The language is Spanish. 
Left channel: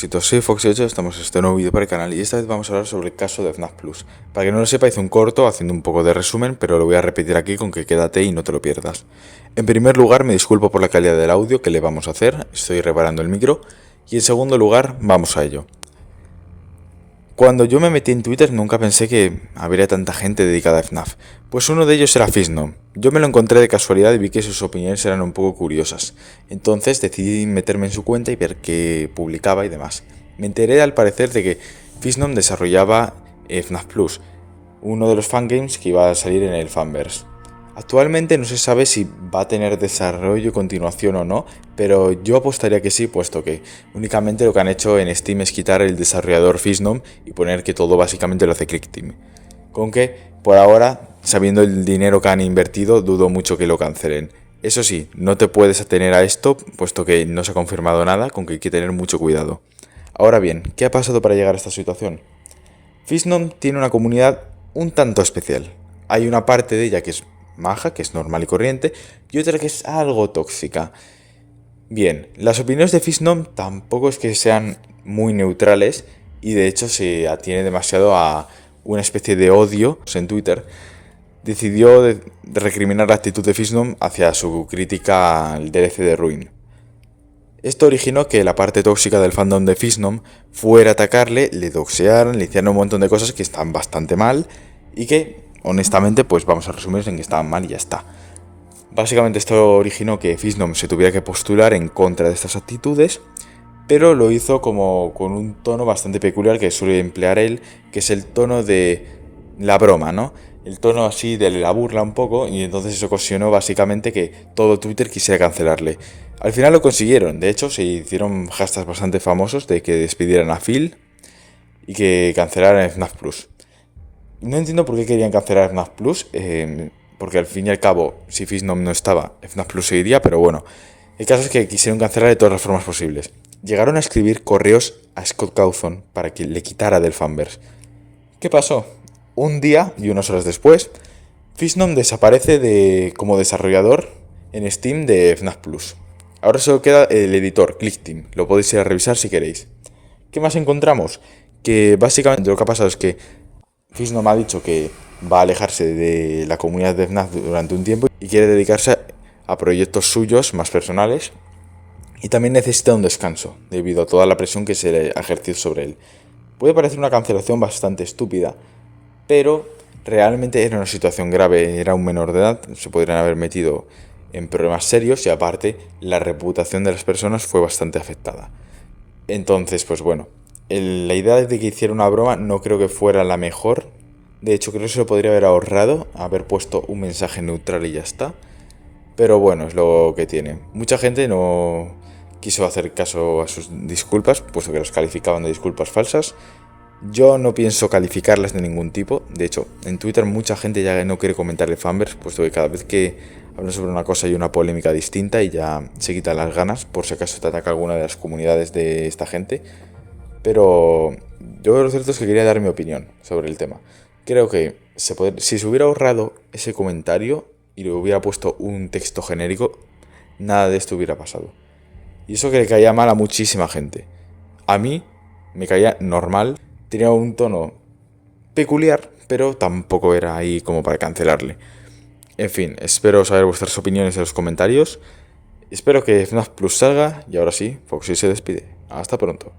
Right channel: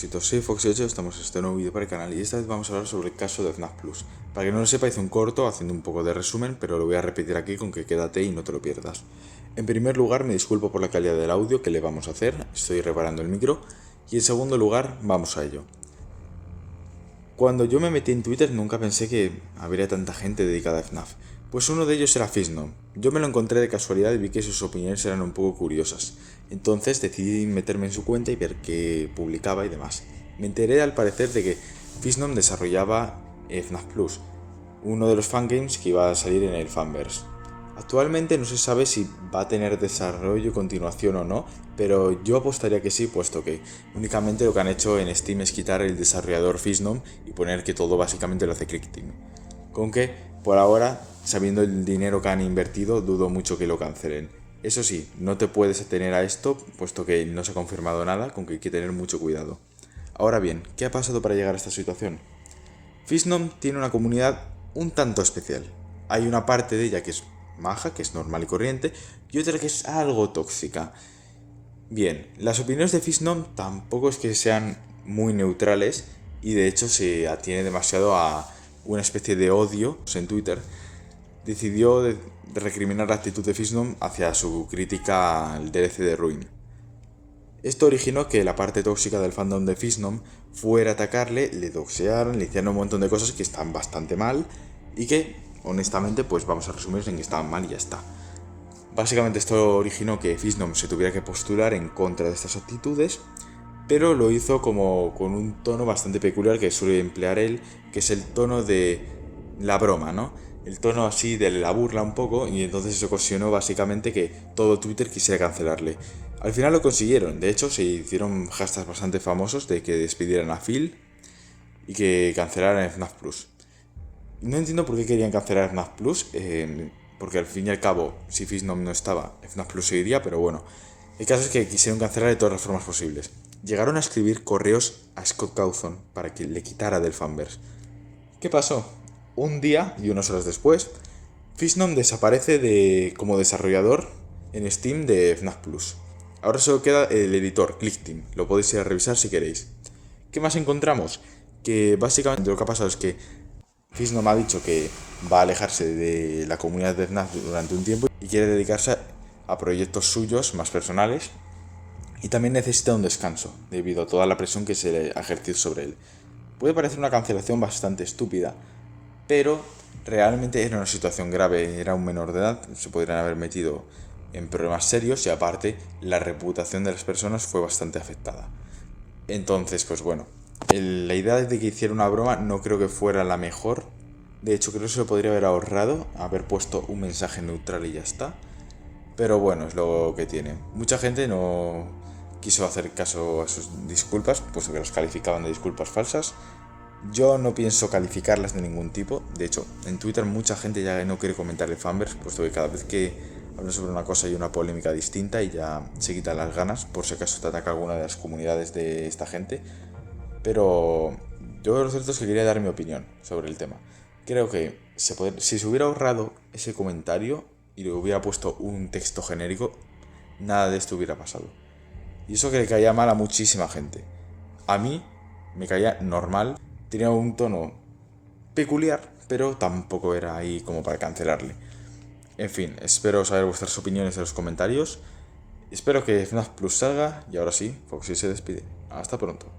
Soy Fox8, estamos en este nuevo vídeo para el canal y esta vez vamos a hablar sobre el caso de FNAF Plus. Para que no lo sepa, hice un corto haciendo un poco de resumen, pero lo voy a repetir aquí con que quédate y no te lo pierdas. En primer lugar, me disculpo por la calidad del audio que le vamos a hacer, estoy reparando el micro. Y en segundo lugar, vamos a ello. Cuando yo me metí en Twitter nunca pensé que habría tanta gente dedicada a FNAF, pues uno de ellos era Fisnom. Yo me lo encontré de casualidad y vi que sus opiniones eran un poco curiosas, entonces decidí meterme en su cuenta y ver qué publicaba y demás. Me enteré al parecer de que Fisnom desarrollaba FNAF Plus, uno de los fangames que iba a salir en el Fanverse. Actualmente no se sabe si va a tener desarrollo, continuación o no, pero yo apostaría que sí, puesto que únicamente lo que han hecho en Steam es quitar el desarrollador Fisnom y poner que todo básicamente lo hace Clickteam. Con que, por ahora, sabiendo el dinero que han invertido, dudo mucho que lo cancelen. Eso sí, no te puedes atener a esto, puesto que no se ha confirmado nada, con que hay que tener mucho cuidado. Ahora bien, ¿qué ha pasado para llegar a esta situación? Fisnom tiene una comunidad un tanto especial. Hay una parte de ella que es maja, que es normal y corriente, y otra que es algo tóxica. Bien, las opiniones de Fisnom tampoco es que sean muy neutrales y de hecho se atiene demasiado a una especie de odio en Twitter. Decidió de recriminar la actitud de Fisnom hacia su crítica al DLC de Ruin. Esto originó que la parte tóxica del fandom de Fisnom fuera a atacarle, le doxearan, le hicieran un montón de cosas que están bastante mal y que, honestamente, pues vamos a resumir en que estaban mal y ya está. Básicamente esto originó que Fisnom se tuviera que postular en contra de estas actitudes, pero lo hizo como con un tono bastante peculiar que suele emplear él, que es el tono de la broma, ¿no? El tono así de la burla un poco, y entonces eso ocasionó básicamente que todo Twitter quisiera cancelarle. Al final lo consiguieron, de hecho se hicieron hashtags bastante famosos de que despidieran a Phil y que cancelaran FNAF Plus. No entiendo por qué querían cancelar FNAF Plus, porque al fin y al cabo, si Fisnom no estaba, FNAF Plus seguiría, pero bueno. El caso es que quisieron cancelar de todas las formas posibles. Llegaron a escribir correos a Scott Cawthon para que le quitara del Fanverse. ¿Qué pasó? Un día y unas horas después, Fisnom desaparece como desarrollador en Steam de FNAF Plus. Ahora solo queda el editor, Clickteam, lo podéis ir a revisar si queréis. ¿Qué más encontramos? Que básicamente lo que ha pasado es que Fisnom ha dicho que va a alejarse de la comunidad de FNAF durante un tiempo y quiere dedicarse a proyectos suyos más personales, y también necesita un descanso debido a toda la presión que se le ha ejercido sobre él. Puede parecer una cancelación bastante estúpida, pero realmente era una situación grave, era un menor de edad, se podrían haber metido en problemas serios y aparte la reputación de las personas fue bastante afectada. Entonces, pues bueno, la idea de que hiciera una broma no creo que fuera la mejor. De hecho, creo que se lo podría haber ahorrado, haber puesto un mensaje neutral y ya está. Pero bueno, es lo que tiene. Mucha gente no quiso hacer caso a sus disculpas, puesto que las calificaban de disculpas falsas. Yo no pienso calificarlas de ningún tipo. De hecho, en Twitter mucha gente ya no quiere comentar el Fanverse, puesto que cada vez que hablan sobre una cosa hay una polémica distinta y ya se quitan las ganas, por si acaso te ataca alguna de las comunidades de esta gente. Pero yo lo cierto es que quería dar mi opinión sobre el tema. Creo que si se hubiera ahorrado ese comentario y le hubiera puesto un texto genérico, nada de esto hubiera pasado. Y eso que le caía mal a muchísima gente. A mí me caía normal, tenía un tono peculiar, pero tampoco era ahí como para cancelarle. En fin, espero saber vuestras opiniones en los comentarios. Espero que FNAF Plus salga y ahora sí, Foxy se despide. Hasta pronto.